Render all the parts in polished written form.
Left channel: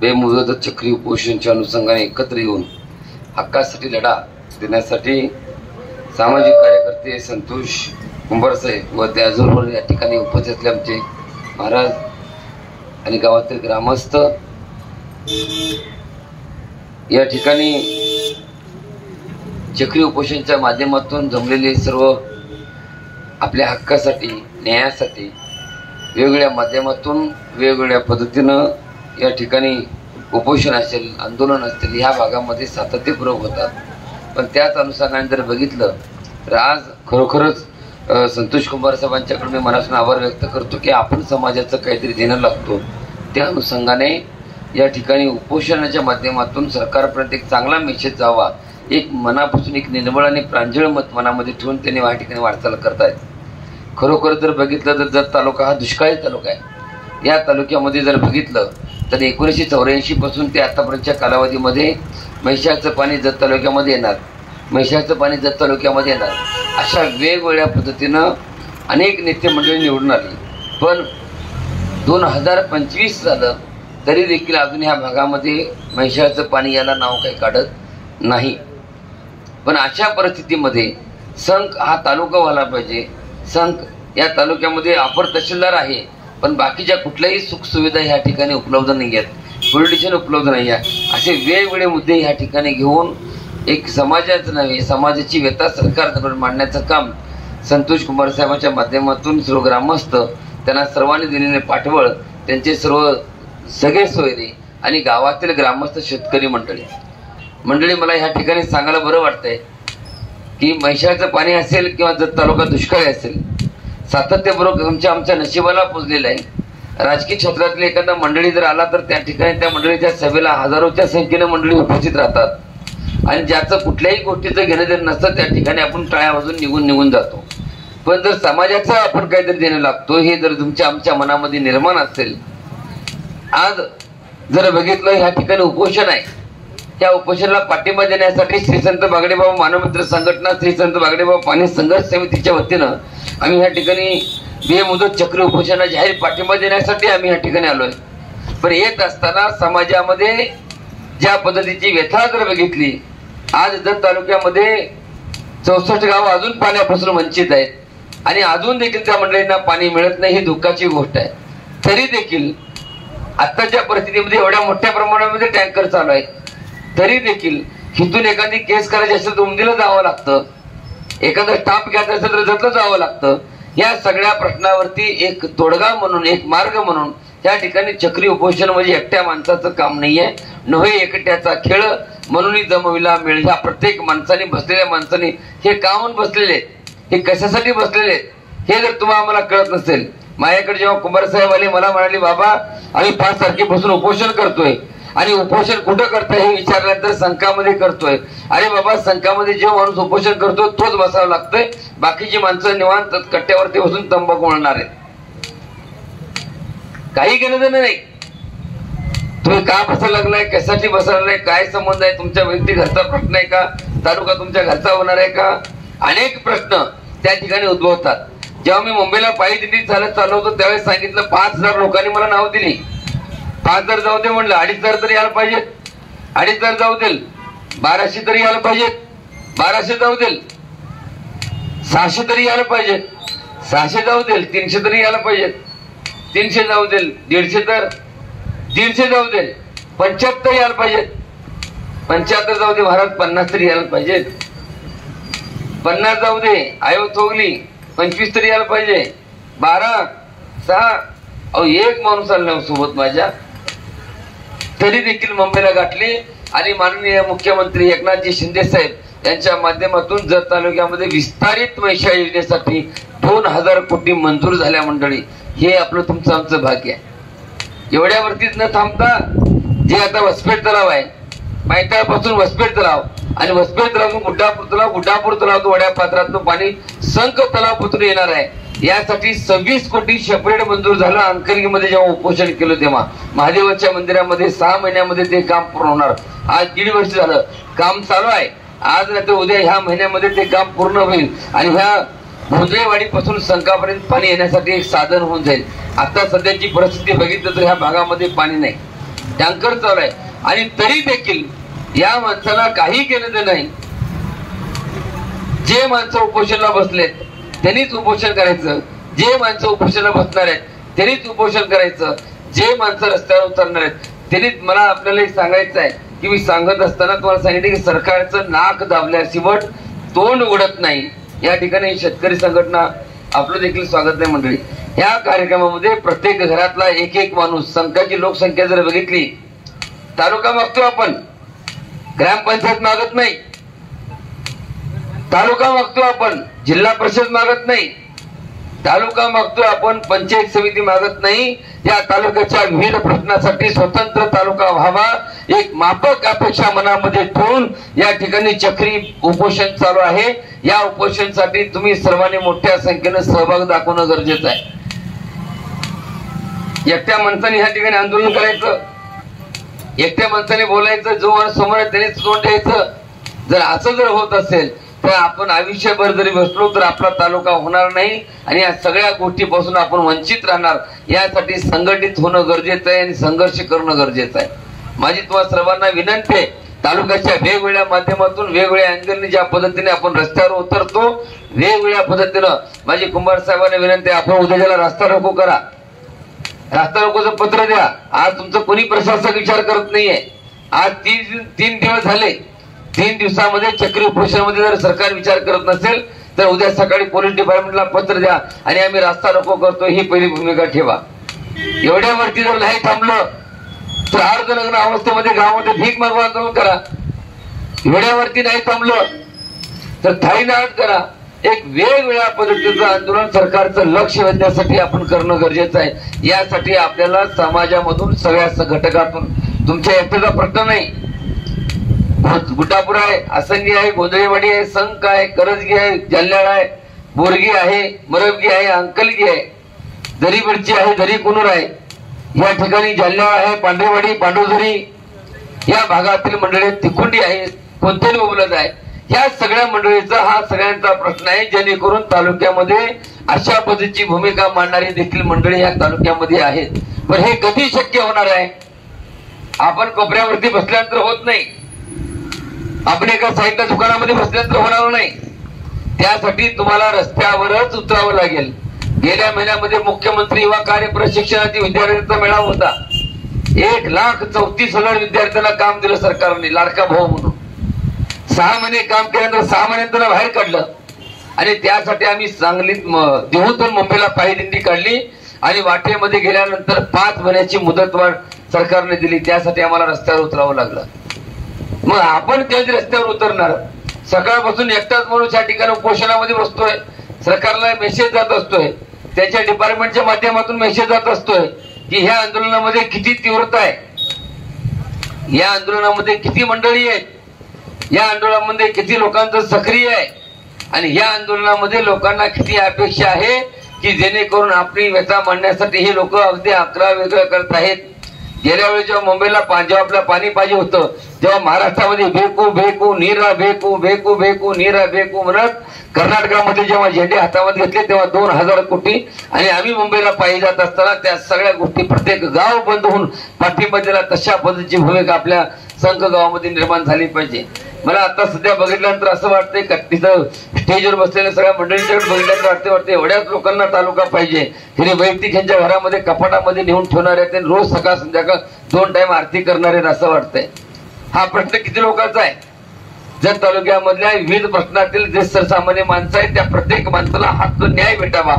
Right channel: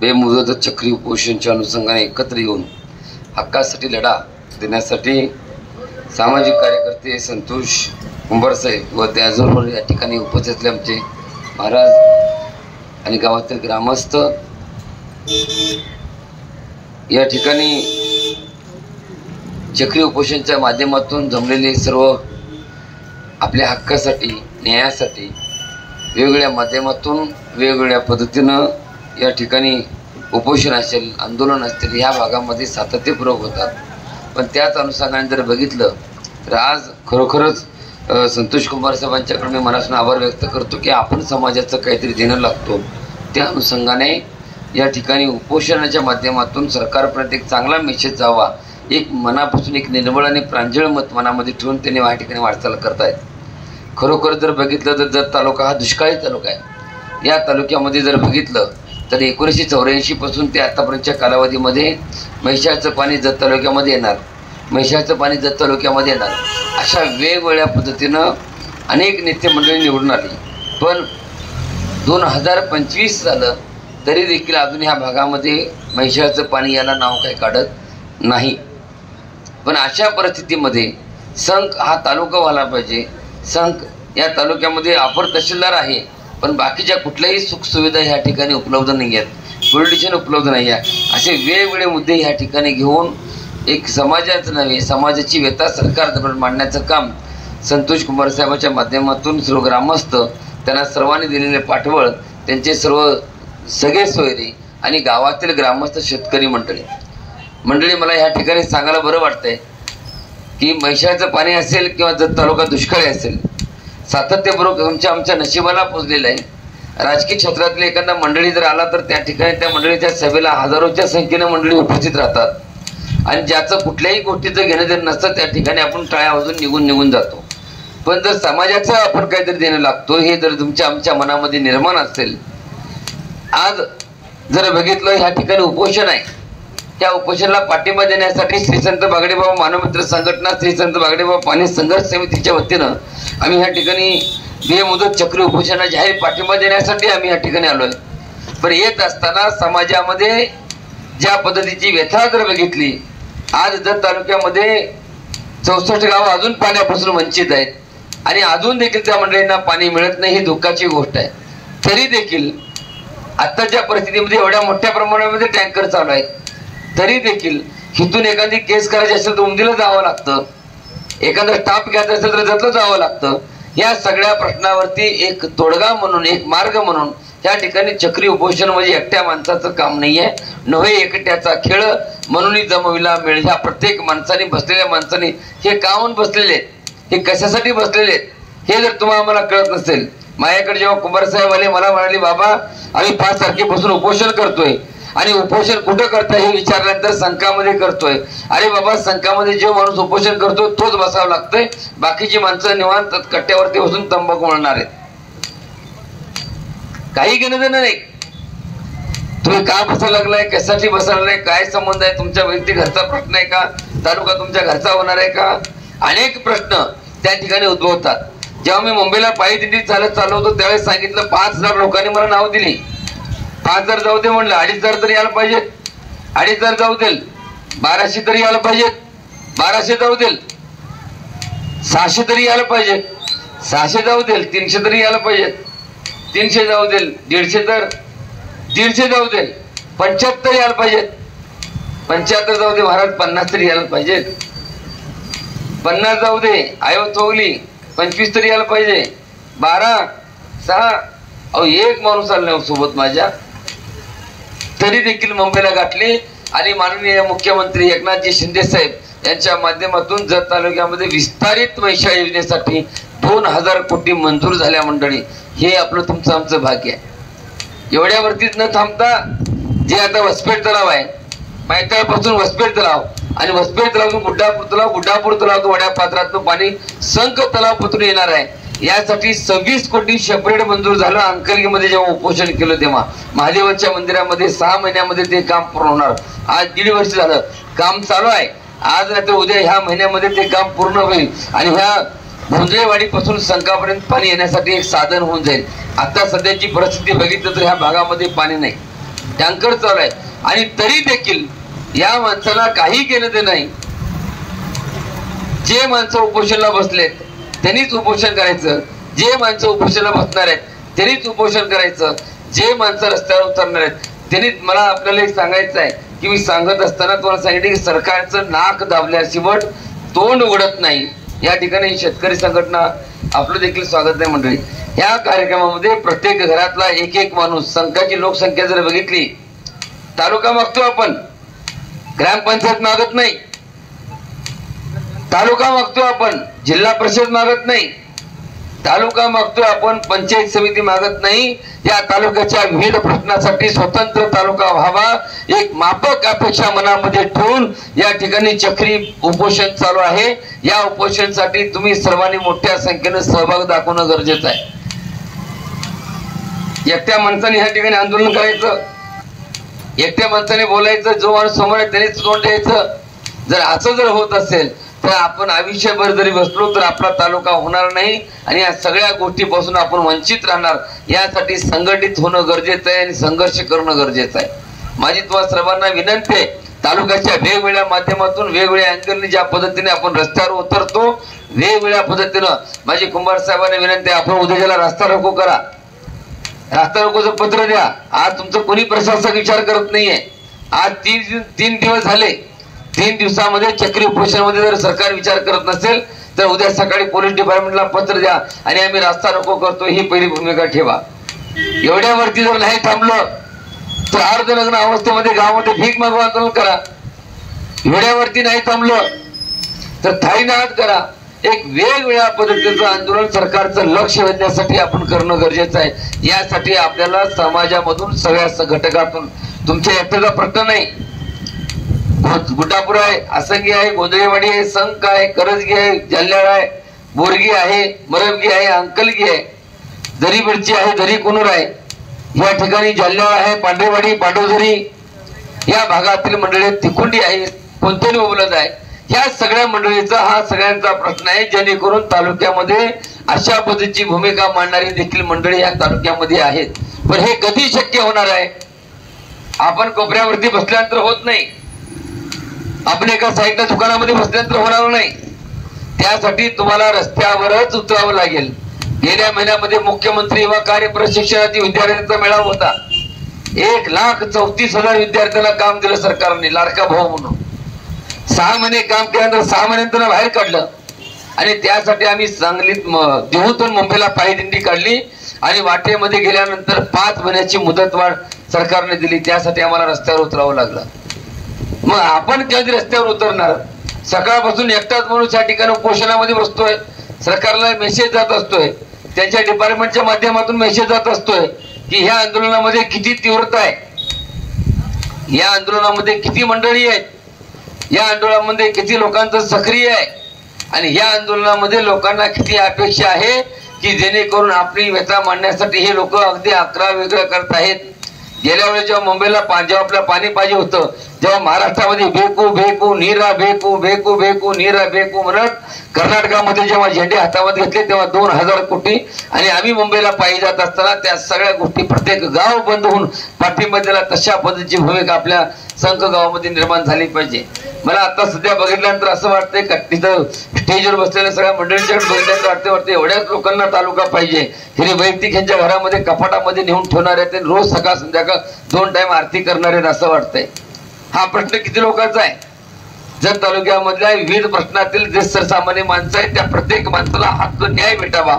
बेमुदत चक्री उपोषणच्या अनुषंगाने एकत्र येऊन हक्कासाठी लढा देण्यासाठी सामाजिक कार्यकर्ते संतोष कुंभारसाहेब व त्याचबरोबर या ठिकाणी उपस्थित असले आमचे महाराज आणि गावातील ग्रामस्थ या ठिकाणी चक्री उपोषणच्या माध्यमातून जमलेले सर्व आपल्या हक्कासाठी न्यायासाठी वेगवेगळ्या माध्यमातून वेगवेगळ्या पद्धतीनं या ठिकाणी उपोषण असेल आंदोलन असतील ह्या भागामध्ये सातत्यपूर्वक होतात. पण त्याच अनुषंगाने जर बघितलं तर आज खरोखरच संतोष कुंभार साहेबांच्याकडे मी मनापासून आभार व्यक्त करतो की आपण समाजाचं काहीतरी देणं लागतो. त्या अनुषंगाने या ठिकाणी उपोषणाच्या माध्यमातून सरकारपर्यंत एक चांगला मेसेज जावा, एक मनापासून एक निर्मळ आणि प्रांजळ मत मनामध्ये ठेवून त्यांनी या ठिकाणी वाटचाल करतायत. खरोखर जर बघितलं तर जत तालुका हा दुष्काळी तालुका आहे. या तालुक्यामध्ये जर बघितलं तर 1984 पासून ते आतापर्यंतच्या कालावधीमध्ये म्हैसाळचं पाणी जत तालुक्यामध्ये येणार, म्हैसाळचं पाणी जत तालुक्यामध्ये येणार, अशा वेगवेगळ्या पद्धतीनं अनेक नेते मंडळी निवडून आली. पण 2025 झालं तरी देखील अजून ह्या भागामध्ये म्हैसाळचं पाणी याला नाव काही काढत नाही. पण अशा परिस्थितीमध्ये संख हा तालुका व्हायला पाहिजे. संख या तालुक्यामध्ये अपर तहसीलदार आहे पण बाकीच्या कुठल्याही सुखसुविधा ह्या ठिकाणी उपलब्ध नाही आहेत, पोलिटिशियन उपलब्ध नाही आहे. असे वेगवेगळे मुद्दे ह्या ठिकाणी घेऊन एक समाजाचं नव्हे समाजाची व्यथा सरकारजवळ मांडण्याचं काम संतोष कुमार साहेबांच्या माध्यमातून सर्व ग्रामस्थ त्यांना सर्वांनी दिलेले पाठबळ त्यांचे सर्व सगळे सोयरे आणि गावातील ग्रामस्थ शेतकरी मंडळी मला ह्या ठिकाणी सांगायला बरं वाटतंय की म्हैसाळचं पाणी असेल किंवा जत तालुका दुष्काळी असेल सातत्यपूर्वक आमच्या नशिबाला पोचलेलं आहे. राजकीय क्षेत्रातले एखादा मंडळी जर आला तर त्या ठिकाणी त्या मंडळीच्या सभेला हजारोच्या संख्येने मंडळी उपस्थित राहतात आणि ज्याचं कुठल्याही गोष्टीचं घेणं देणं नसतं त्या ठिकाणी आपण टाळ्या वाजून निघून जातो. पण जर समाजाचं आपण काहीतरी देणं लागतो हे जर आमच्या मनामध्ये निर्माण असेल, आज जर बघितलं ह्या ठिकाणी उपोषण आहे, त्या उपोषणाला पाठिंबा देण्यासाठी श्री संत बागडेबाबा मानवमित्र संघटना श्री संत बागडेबाबा पाणी संघर्ष समितीच्या वतीनं आम्ही ह्या ठिकाणी बेमुदत चक्री उपोषणाला जाहीर पाठिंबा देण्यासाठी आम्ही ह्या ठिकाणी आलोय. पण येत असताना समाजामध्ये ज्या पद्धतीची व्यथा जर बघितली, आज जत तालुक्यामध्ये 64 गाव अजून पाण्यापासून वंचित आहेत आणि अजून देखील त्या मंडळींना पाणी मिळत नाही, ही दुःखाची गोष्ट आहे. तरी देखील आताच्या परिस्थितीमध्ये एवढ्या मोठ्या प्रमाणामध्ये टँकर चालू आहेत, तरी देखील हिथून एखादी केस करायची असेल तर उमदीला जावं लागतं, एखादा स्टाफ घ्यायचा असेल तर जतलं जावं लागतं. या सगळ्या प्रश्नावरती एक तोडगा म्हणून एक मार्ग म्हणून त्या ठिकाणी चक्री उपोषण म्हणजे एकट्या माणसाचं काम नाहीये, नव्हे एकट्याचा खेळ म्हणून जमविला मिळ. ह्या प्रत्येक माणसाने बसलेल्या माणसाने हे कामून बसलेले आहेत, हे कशासाठी बसलेले आहेत हे जर तुम्हाला आम्हाला कळत नसेल. माझ्याकडे जेव्हा कुंभार साहेब आले मला म्हणाले बाबा आम्ही 5 तारखेपासून उपोषण करतोय आणि उपोषण कुठं करताय हे विचारल्यानंतर संघामध्ये करतोय. अरे बाबा संघामध्ये जो माणूस उपोषण करतोय तोच बसावं लागतंय, बाकीची माणसं निवांत कट्ट्यावरती बसून तंबाखू म्हणणार आहेत. काही घेणं देणं नाही. तुम्ही का बसायला लागलाय, कशासाठी बसायला लागलाय, काय संबंध आहे, तुमच्या व्यक्ती घरचा प्रश्न आहे का, तालुका तुमच्या घरचा होणार आहे का, अनेक प्रश्न त्या ठिकाणी उद्भवतात. जेव्हा मी मुंबईला पायी दिंडी चालत होतो त्यावेळेस सांगितलं 5000 लोकांनी मला नाव दिली. 5000 जाऊ दे म्हणलं, 2500 तरी यायला पाहिजेत, 2500 जाऊ देल, 1200 तरी यायला पाहिजेत, 1200 जाऊ देल, 600 तरी यायला पाहिजेत, 600 जाऊ देल, 300 तरी यायला पाहिजेत, 300 जाऊ देल, 150 तर 150 जाऊ देल, 75 यायला पाहिजेत, 75 जाऊ दे महाराज, 50 तरी यायला पाहिजेत, 50 जाऊ दे आयो चोगली, 25 तरी यायला पाहिजे, 12 6 अहो एक माणूस आला सोबत माझ्या, तरी देखील मुंबईला गाठले आणि माननीय मुख्यमंत्री एकनाथजी शिंदे साहेब यांच्या माध्यमातून जत तालुक्यामध्ये विस्तारित म्हैसाळ योजनेसाठी 2000 कोटी मंजूर झाल्या. मंडळी हे आपलं तुमचं आमचं भाग्य आहे. एवढ्यावरतीच न थांबता जे आता वसपेट तलाव आहे, मैताळपासून वसपेट तलाव आणि वसपेट तलावातून गुड्डापूर तलाव वड्या पात्रातून पाणी संख तलावातून येणार आहे. यासाठी 26 कोटी सेपरेट मंजूर झालं. अंकलगीमध्ये जेव्हा उपोषण केलं तेव्हा महादेवाच्या मंदिरामध्ये 6 महिन्यामध्ये ते काम पूर्ण होणार. आज 1.5 वर्ष झालं काम चालू आहे. आज नाही तर उद्या ह्या महिन्यामध्ये ते काम पूर्ण होईल आणि ह्या भोंजळेवाडीपासून संकापर्यंत पाणी येण्यासाठी एक साधन होऊन जाईल. आता सध्याची परिस्थिती बघितलं तर ह्या भागामध्ये पाणी नाही. टँकर चालू आहे आणि तरी देखील या माणसाला काही केलं ते नाही. जे माणसं उपोषणाला बसलेत त्यांनीच उपोषण करायचं, जे माणसं उपोषणाला बसणार आहेत त्यांनीच उपोषण करायचं, जे माणसं रस्त्यावर उतरणार आहेत त्यांनीच. मला आपल्याला एक सांगायचं आहे की मी सांगत असताना तुम्हाला सांगितलं की सरकारचं नाक दाबल्याशिवाय तोंड उघडत नाही. या ठिकाणी शेतकरी संघटना आपलं देखील स्वागत आहे मंडळी. या कार्यक्रमामध्ये प्रत्येक घरातला एक एक माणूस, संघाची लोकसंख्या जर बघितली, तालुका मागतो आपण, ग्रामपंचायत मागत नाही. तालुका मागतो आपण, जिल्हा परिषद मागत नाही. तालुका मागतो आपण, पंचायत समिती मागत नाही. या तालुक्याच्या विविध प्रश्नासाठी स्वतंत्र तालुका व्हावा, एक माफक अपेक्षा मनामध्ये ठेवून या ठिकाणी चक्री उपोषण चालू आहे. या उपोषणासाठी तुम्ही सर्वांनी मोठ्या संख्येने सहभाग दाखवणं गरजेचं आहे. एकट्या माणसाने या ठिकाणी आंदोलन करायचं, एकट्या माणसाने बोलायचं, जो माणूस समोर आहे त्यानेच तोंड द्यायचं. जर असं जर होत असेल तर आपण आयुष्यभर जरी बसलो तर आपला तालुका होणार नाही आणि या सगळ्या गोष्टीपासून आपण वंचित राहणार. यासाठी संघटित होणं गरजेचं आहे आणि संघर्ष करणं गरजेचं आहे. माझी तुम्हा सर्वांना विनंती आहे, तालुक्याच्या वेगवेगळ्या माध्यमातून वेगवेगळ्या अँगलने ज्या पद्धतीने आपण रस्त्यावर उतरतो, वेगवेगळ्या पद्धतीनं माझी कुंभार साहेबांना विनंती आहे, आपण उद्याला रस्ता रोको करा, रस्ता रोकोचं पत्र द्या. आज तुमचं कोणी प्रशासक विचार करत नाहीये. आज तीन दिवस झाले, 3 दिवसामध्ये चक्री उपोषणामध्ये जर सरकार विचार करत नसेल तर उद्या सकाळी पोलीस डिपार्टमेंटला पत्र द्या आणि आम्ही रस्ता रोको करतो ही पहिली भूमिका ठेवा. एवढ्यावरती जर नाही थांबलं तर अर्धनग्न अवस्थेमध्ये गावामध्ये भीक मागून आंदोलन करा. एवढ्यावरती नाही थांबलं तर थाळी नाहट करा. एक वेगवेगळ्या पद्धतीचं आंदोलन सरकारचं लक्ष वेधण्यासाठी आपण करणं गरजेचं आहे. यासाठी आपल्याला समाजामधून सगळ्या घटकातून, तुमच्या एकट्याचा प्रश्न नाही, गुटापूर आहे, असंगी आहे, गोंधळेवाडी आहे, संक आहे, करजगी आहे, जालन्याळ आहे, बोरगी आहे, मरबगी आहे, अंकलगी आहे, दरी मिरची आहे, दरी कुनूर आहे, या ठिकाणी जालन्याळ आहे, पांढरेवाडी, पांडवझरी या भागातील मंडळी, तिकुंडी आहे, कोणतेही उपलब्ध आहे. या सगळ्या मंडळीचा हा सगळ्यांचा प्रश्न आहे, जेणेकरून तालुक्यामध्ये अशा पद्धतीची भूमिका मांडणारी देखील मंडळी या तालुक्यामध्ये आहेत. पण हे कधी शक्य होणार आहे? आपण कोपऱ्यावरती बसल्यानंतर होत नाही, आपण एका साईडला दुकानामध्ये बसल्यानंतर होणार नाही. त्यासाठी तुम्हाला रस्त्यावरच उतरावं लागेल. गेल्या महिन्यामध्ये मुख्यमंत्री युवा कार्य प्रशिक्षणाची विद्यार्थ्यांचा मेळावा होता. 1,34,000 विद्यार्थ्यांना काम दिलं सरकारने, लाडका भाऊ म्हणून. 6 महिने काम केल्यानंतर 6 महिन्यांना बाहेर काढलं आणि त्यासाठी आम्ही सांगलीत, देहूतून मुंबईला पायी दिंडी काढली आणि वाटेमध्ये गेल्यानंतर 5 महिन्याची मुदतवाढ सरकारने दिली. त्यासाठी आम्हाला रस्त्यावर उतरावं लागलं. मग आपण कधी रस्त्यावर उतरणार? सकाळपासून एकटाच माणूस या ठिकाणी उपोषणामध्ये बसतोय, सरकारला मेसेज जात असतोय, त्यांच्या डिपार्टमेंटच्या माध्यमातून मेसेज जात असतोय की ह्या आंदोलनामध्ये किती तीव्रता आहे, या आंदोलनामध्ये किती मंडळी आहेत, या आंदोलनामध्ये किती लोकांचं सक्रिय आहे आणि या आंदोलनामध्ये लोकांना किती अपेक्षा आहे की जेणेकरून आपली व्यथा मांडण्यासाठी हे लोक अगदी अकरा वेगळं करत आहेत. गेल्या वेळी जेव्हा मुंबईला जेव्हा आपल्याला पाणी पाहिजे होतं, जेव्हा महाराष्ट्रामध्ये बेकू बेकू नीरा बेकू बेकू बेकू नीरा बेकू म्हणत कर्नाटकामध्ये जेव्हा झेंडे हातामध्ये घेतले तेव्हा 2,000 कोटी आणि आम्ही मुंबईला पायी जात असताना त्या सगळ्या गोष्टी प्रत्येक गाव बंद होऊन पाठिंबा दिला. तशा पद्धतीची भूमिका आपल्या संघ गावामध्ये निर्माण झाली पाहिजे. मला आता सध्या बघितल्यानंतर असं वाटतंय का तिथं स्टेजवर बसलेल्या सगळ्या मंडळींच्याकडे बघितल्यानंतर वाटते एवढ्याच लोकांना तालुका पाहिजे. हे वैयक्तिक यांच्या घरामध्ये कपाटामध्ये नेऊन ठेवणार आहेत, रोज सकाळ संध्याकाळ 2 टाइम आरती करणार आहेत असं वाटतंय. हा प्रश्न किती लोकांचा आहे? जर तालुक्यामधल्या विविध प्रश्नातील जे सर्वसामान्य माणसं आहेत त्या प्रत्येक माणसाला हक्क न्याय भेटावा,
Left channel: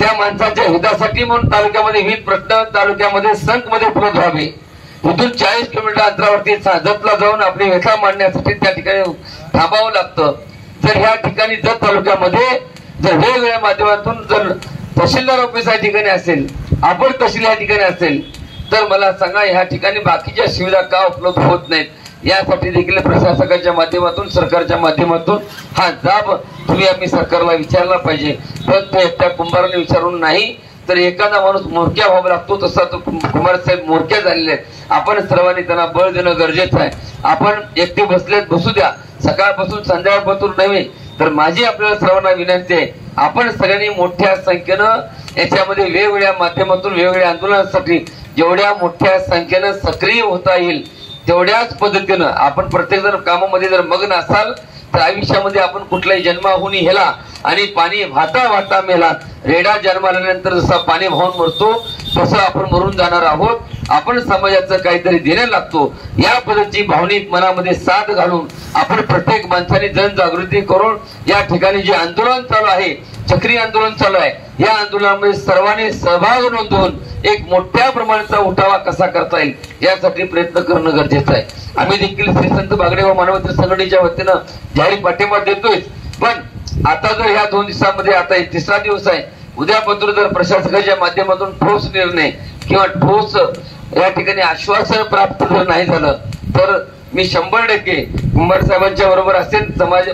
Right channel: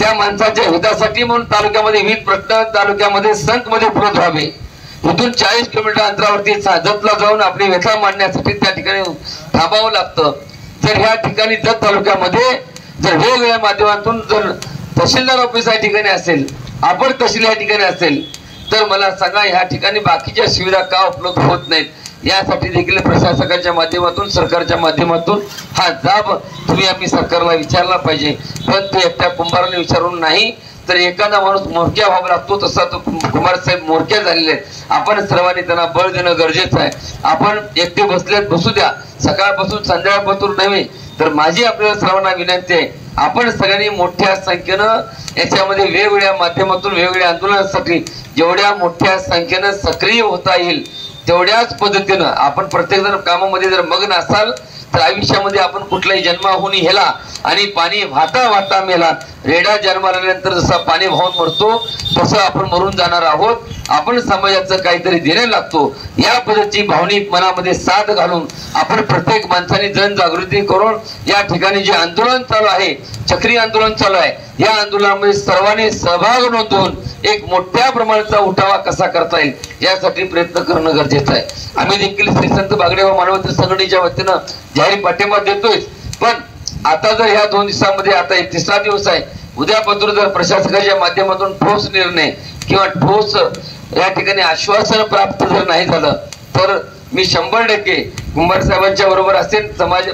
त्या माणसाच्या हितासाठी म्हणून तालुक्यामध्ये विविध प्रश्न तालुक्यामध्ये संत मध्ये उपलब्ध व्हावे. इथून 40 किलोमीटर अंतरावरती जतला जाऊन आपली व्यथा मांडण्यासाठी त्या ठिकाणी थांबावं लागतं. जर ह्या ठिकाणी जत तालुक्यामध्ये जर वेगवेगळ्या माध्यमातून जर तहसीलदार ऑफिस या ठिकाणी असेल, आपण तहसील या ठिकाणी असेल तर मला सांगा ह्या ठिकाणी बाकीच्या सुविधा का उपलब्ध होत नाहीत? यासाठी देखील प्रशासकाच्या माध्यमातून, सरकारच्या माध्यमातून हा जाब तुम्ही आम्ही सरकारला विचारला पाहिजे. पण ते एकट्या कुंभाराने विचारून नाही, तर एखादा माणूस मोरक्या व्हावा लागतो, तसा तो कुमारसाहेब मोरक्या झालेले आहेत. आपण सर्वांनी त्यांना बळ देणं गरजेचं आहे. आपण एकटे बसलेत बसू द्या, सकाळपासून संध्याकाळपासून नव्हे, तर माझी आपल्याला सर्वांना विनंती आहे, आपण सगळ्यांनी मोठ्या संख्येनं याच्यामध्ये वेगवेगळ्या माध्यमातून वेगवेगळ्या आंदोलनासाठी जेवढ्या मोठ्या संख्येनं सक्रिय होता येईल तेवढ्याच पद्धतीनं आपण प्रत्येक जण कामामध्ये जर मग्न असाल तर आयुष्यामध्ये आपण कुठलाही जन्माहुनी हेला आणि पाणी वाहता वाहता मेला. रेडा जन्माल्यानंतर जसा पाणी वाहून मरतो तसं आपण मरून जाणार आहोत. आपण समाजाचं काहीतरी देण्याला लागतो. या पद्धतीची भावनिक मनामध्ये साथ घालून आपण प्रत्येक माणसाने जनजागृती करून या ठिकाणी जे आंदोलन चालू आहे, चक्री आंदोलन चालू आहे, या आंदोलनामध्ये सर्वांनी सहभाग नोंदवून एक मोठ्या प्रमाणाचा उठावा कसा करता येईल यासाठी प्रयत्न करणं गरजेचं आहे. आम्ही देखील श्री संत बागडेबाबा मानवंत संघटनेच्या वतीनं जाहीर पाठिंबा देतोय. पण आता जर ह्या 2 दिवसामध्ये, आता 3रा दिवस आहे, उद्यापासून जर प्रशासकाच्या माध्यमातून ठोस निर्णय किंवा ठोस या ठिकाणी आश्वासन प्राप्त जर नाही झालं तर मी 100% कुंभार साहेबांच्या बरोबर असेल, समाज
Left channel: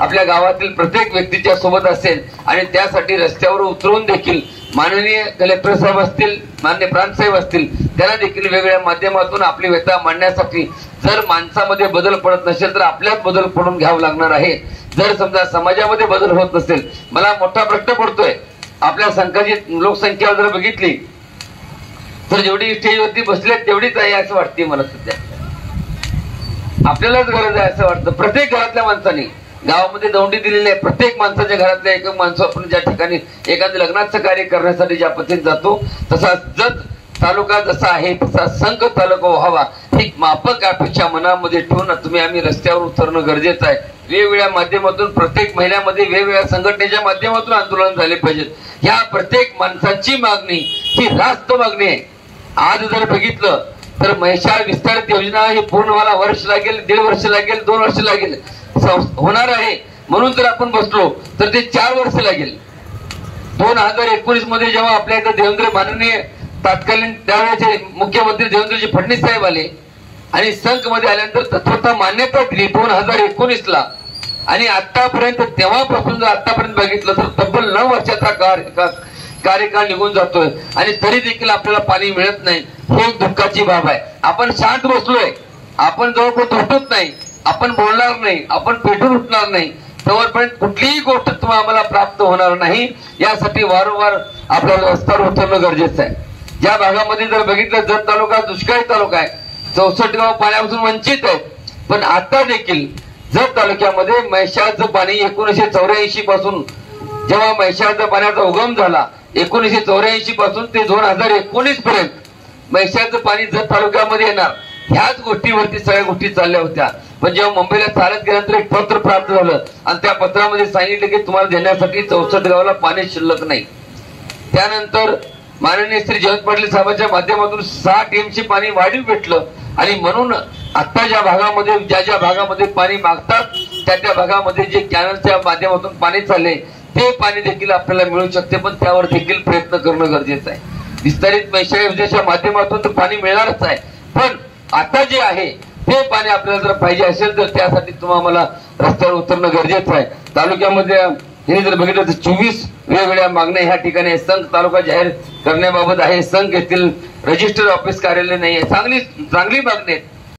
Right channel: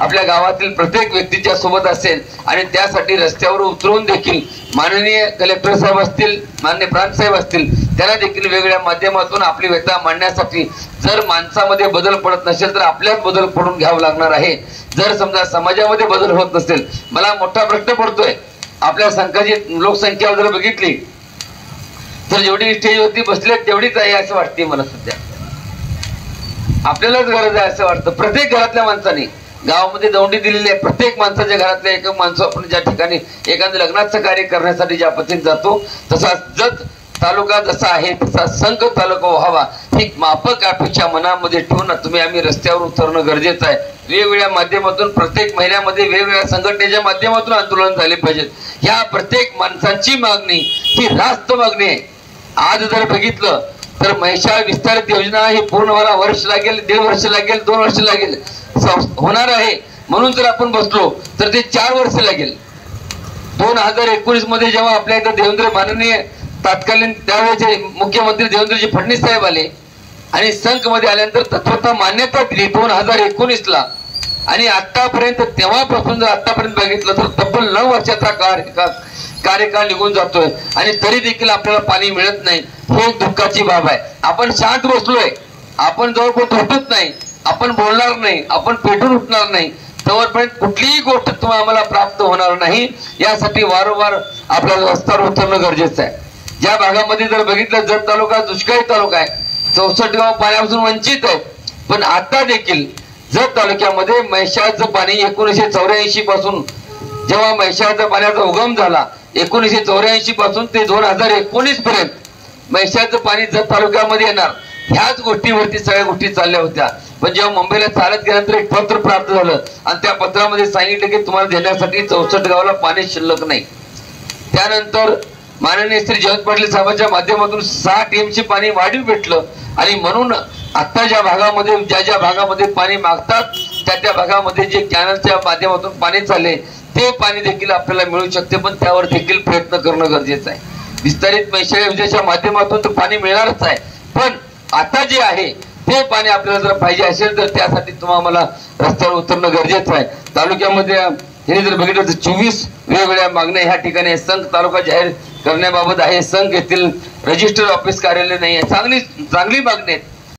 आपल्या गावातील प्रत्येक व्यक्तीच्या सोबत असेल आणि त्यासाठी रस्त्यावर उतरून देखील माननीय कलेक्टर साहेब असतील, माननीय प्रांत साहेब असतील, त्यांना देखील वेगवेगळ्या माध्यमातून आपली व्यथा मांडण्यासाठी जर माणसामध्ये बदल पडत नसेल तर आपल्याच बदल पडून घ्यावं लागणार आहे. जर समजा समाजामध्ये बदल होत नसेल, मला मोठा प्रश्न पडतोय, आपल्या संघाची लोकसंख्या जर बघितली तर जेवढी स्टेजवरती बसले तेवढीच आहे असं वाटते मला सध्या. आपल्यालाच गरज आहे असं वाटतं. प्रत्येक घरातल्या माणसाने गावामध्ये दौंडी दिलेली आहे. प्रत्येक माणसाच्या घरातल्या एक माणसं आपण ज्या ठिकाणी एखाद्या लग्नाचं कार्य करण्यासाठी ज्या पद्धतीने जातो, तसा जत तालुका जसा आहे तसा संघ तालुका व्हावा ही माफक अपेक्षा मनामध्ये ठेवून तुम्ही आम्ही रस्त्यावर उतरणं गरजेचं आहे. वेगवेगळ्या माध्यमातून प्रत्येक महिन्यामध्ये वेगवेगळ्या संघटनेच्या माध्यमातून आंदोलन झाले पाहिजेत. ह्या प्रत्येक माणसांची मागणी ही रास्त मागणी आहे. आज जर बघितलं तर म्हैसाळ विस्तारित योजना ही पूर्ण व्हायला वर्ष लागेल, 1.5 वर्ष लागेल, 2 वर्ष लागेल, होणार आहे. म्हणून जर आपण बसलो तर ते 4 वर्ष लागेल. 2019 मध्ये जेव्हा आपल्या इथं देवेंद्र माननीय तत्कालीन त्यावेळेचे मुख्यमंत्री देवेंद्रजी फडणवीस साहेब आले आणि संघ मध्ये आल्यानंतर तत्वता मान्यता दिली 2019ला आणि आतापर्यंत, तेव्हापासून जर आतापर्यंत बघितलं तर तब्बल 9 वर्षाचा कार्यकाळ निघून जातोय आणि तरी देखील आपल्याला पाणी मिळत नाही. हे दुःखाची बाब आहे. आपण शांत बसलोय, आपण जवळपास उठत नाही, आपण बोलणार नाही, आपण पेटून उठणार नाही, तोपर्यंत कुठलीही गोष्ट तुम्हाला आम्हाला प्राप्त होणार नाही. यासाठी वारंवार आपल्याला रस्त्यावर उतरणं गरजेचं आहे. ज्या भागामध्ये जर बघितलं जत तालुका दुष्काळी तालुका आहे, 64 गाव पाण्यापासून वंचित आहेत, पण आता देखील जत तालुक्यामध्ये म्हैसाळचं पाणी 1984 पासून जेव्हा म्हैसाळच्या पाण्याचा उगम झाला 1984 पासून ते 2019 पर्यंत म्हैसाळचं पाणी जत तालुक्यामध्ये येणार, ह्याच गोष्टीवरती सगळ्या गोष्टी चालल्या होत्या. पण जेव्हा मुंबईला चालत गेल्यानंतर एक पत्र प्राप्त झालं आणि त्या पत्रामध्ये सांगितलं की तुम्हाला देण्यासाठी 64 गावाला पाणी शिल्लक नाही. त्यानंतर माननीय श्री जयंत पाटील साहेबांच्या माध्यमातून 6 टीएमसी पाणी वाढीव भेटलं आणि म्हणून आता ज्या भागामध्ये ज्या भागामध्ये पाणी मागतात त्या भागामध्ये जे कॅनलच्या माध्यमातून पाणी चालले ते पाणी देखील आपल्याला मिळू शकते. पण त्यावर देखील प्रयत्न करणं गरजेचं आहे. विस्तारित म्हैसाळ योजनेच्या माध्यमातून तर पाणी मिळणारच आहे, पण आता जे आहे ते पाणी आपल्याला जर पाहिजे असेल तर त्यासाठी तुम्हाला रस्त्यावर उतरणं गरजेचं आहे. तालुक्यामध्ये हे जर बघितलं तर 24 वेगवेगळ्या मागण्या ह्या ठिकाणी संघ तालुका जाहीर करण्याबाबत आहे. संघ येथील रजिस्टर ऑफिस कार्यालय नाही आहे. चांगली मागणी आहेत.